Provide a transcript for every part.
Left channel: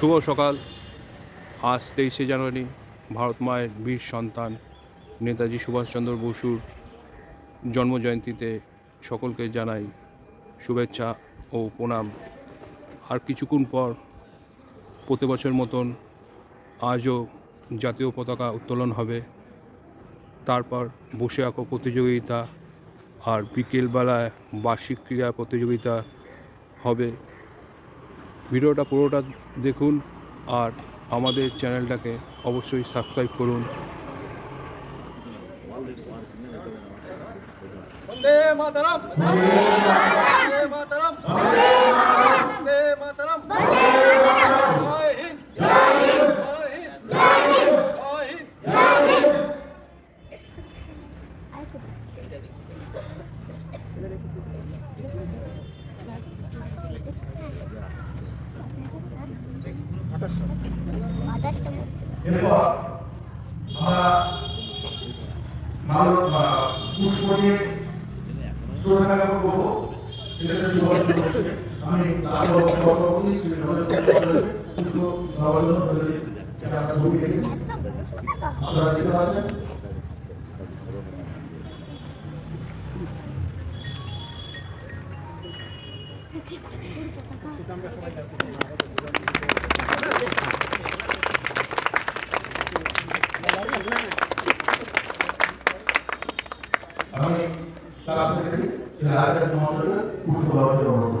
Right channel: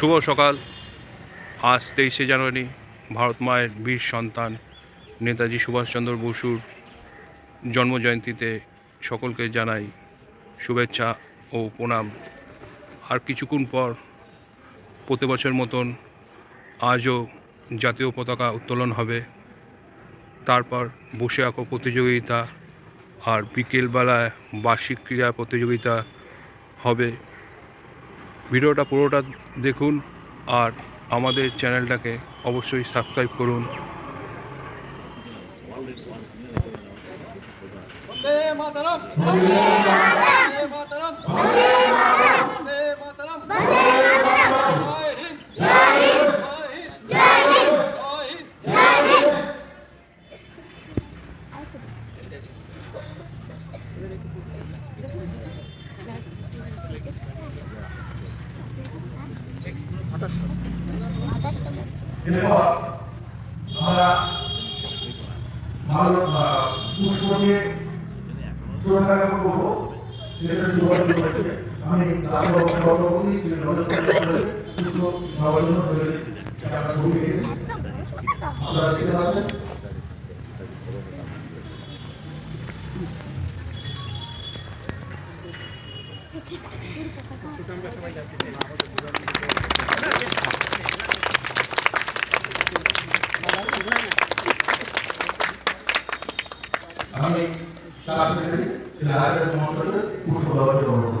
শুভ সকাল। আজ তেইশে জানুয়ারি, ভারত মায়ের বীর সন্তান নেতাজি সুভাষচন্দ্র বসুর জন্মজয়ন্তীতে সকলকে জানাই শুভেচ্ছা ও প্রণাম। আর কিছুক্ষণ পর প্রতি বছর মতন আজও জাতীয় পতাকা উত্তোলন হবে। তারপর বসে আঁকো প্রতিযোগিতা, আর বিকেলবেলায় বার্ষিক ক্রীড়া প্রতিযোগিতা হবে। ভিডিওটা পুরোটা দেখুন আর আমাদের চ্যানেলটাকে অবশ্যই সাবস্ক্রাইব করুন। Thank you. এরপর আমরা মানব পুষ্প দিয়ে সুরক্ষা জ্ঞাপন করব সেটা শুরু করতে আমি তারপর করি পুষ্প নবরণ হয়েছে আপনারা দেখতে পাচ্ছেন আমি শাসনের সরকারের মধ্যে পুষ্প ব্যবহার করব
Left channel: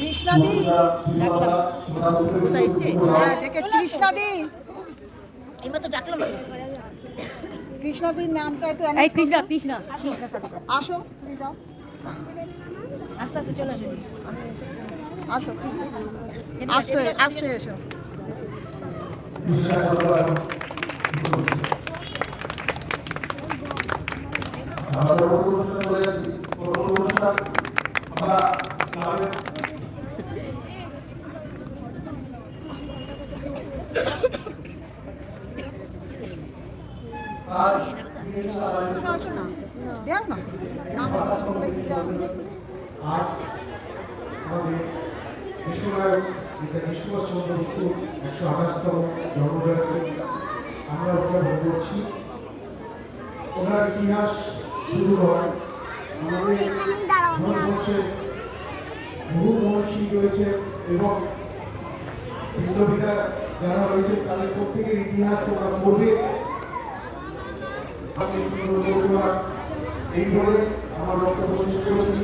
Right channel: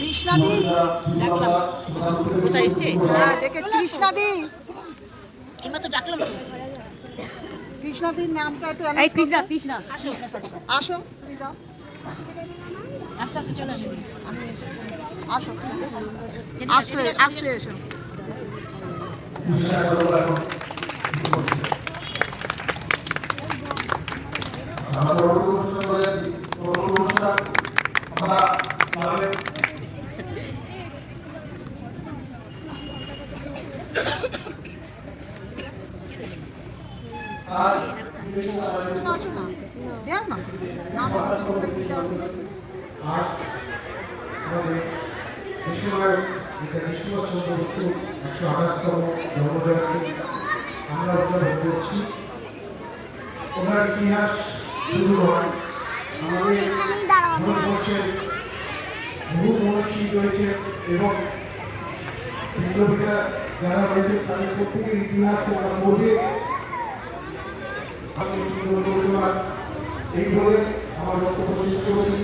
কৃষ্ণাদি কোথায় এসছে? হ্যাঁ ডেকে কৃষ্ণাদি। এবার তো ডাকলাম কৃষ্ণাদির নামটা একটু এই কৃষ্ণা কৃষ্ণা। আসো দিদা আস্তে আস্তে চলে আসেন আসো আস্তে আস্তে এসো আসো না দেও না না, সবাই দিতে হবে। আমরা উদযাপন করছি ওনার ইতিহাস শুরু হয় আমাদের ভারতবর্ষের বহু মহর্ষি রয়েছে এবং বিপ্লবীরা যারা রয়েছে তাদের প্রত্যেকের ইতিহাস আমরা পড়ে আমি ধন্যবাদ এই বলে আমার বক্তব্য শেষ করেছি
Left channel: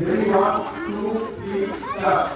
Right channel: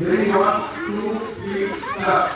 Ready, one, two, three, start.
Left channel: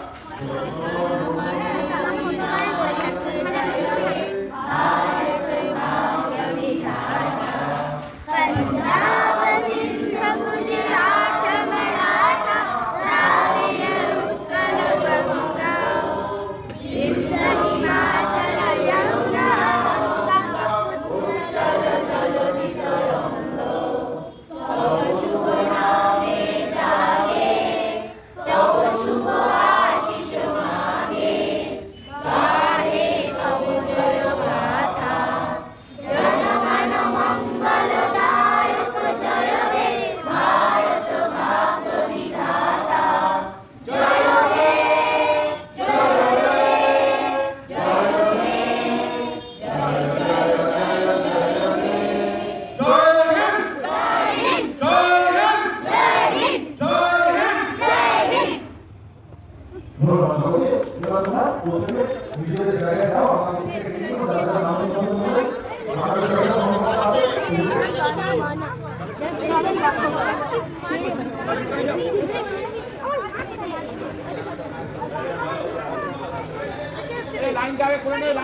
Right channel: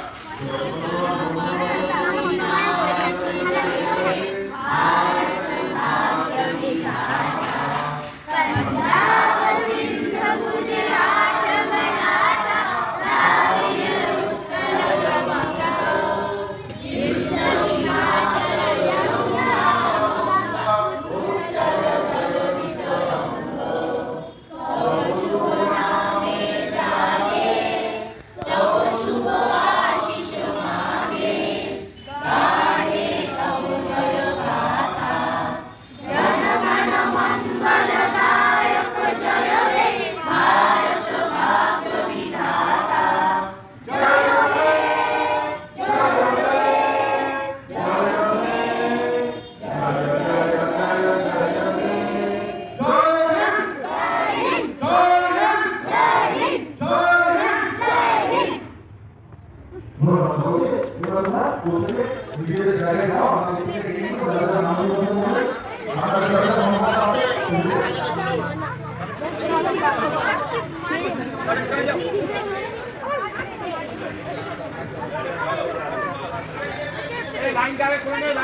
বলতে নিজেদের জায়গায় যাও নিয়ে নাম বন্ধ করে আমাদের